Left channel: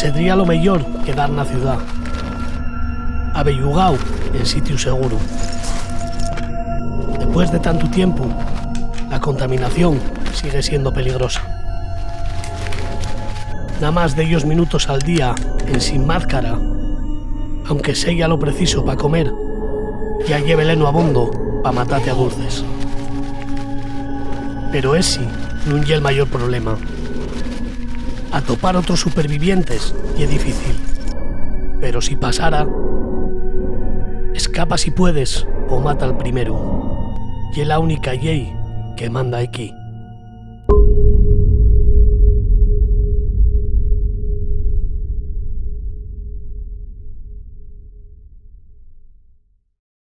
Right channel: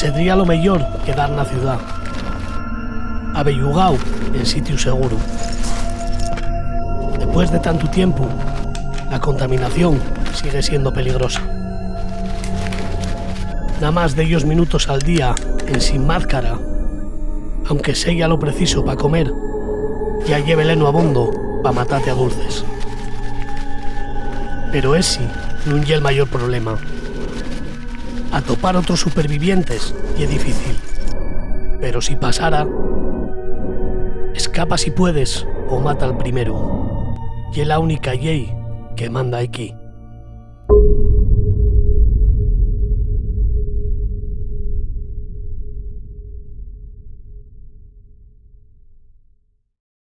Sería lo mejor quedar na ciudad, abellugao en sitio seguro. Después de tanto tiempo, la contaminación sigue siendo peligrosa. Nada más de ellos minutos al día en sin máscara, aunque sea lo preciso para comer, ya lleve leno abondo pa' matarte a dulces. Pero ese no es el mayor problema. Atopar otros supervivientes y es difícil. Pero si pasara, escapa si puedes o mata al primero. Y es la única ley que manda aquí.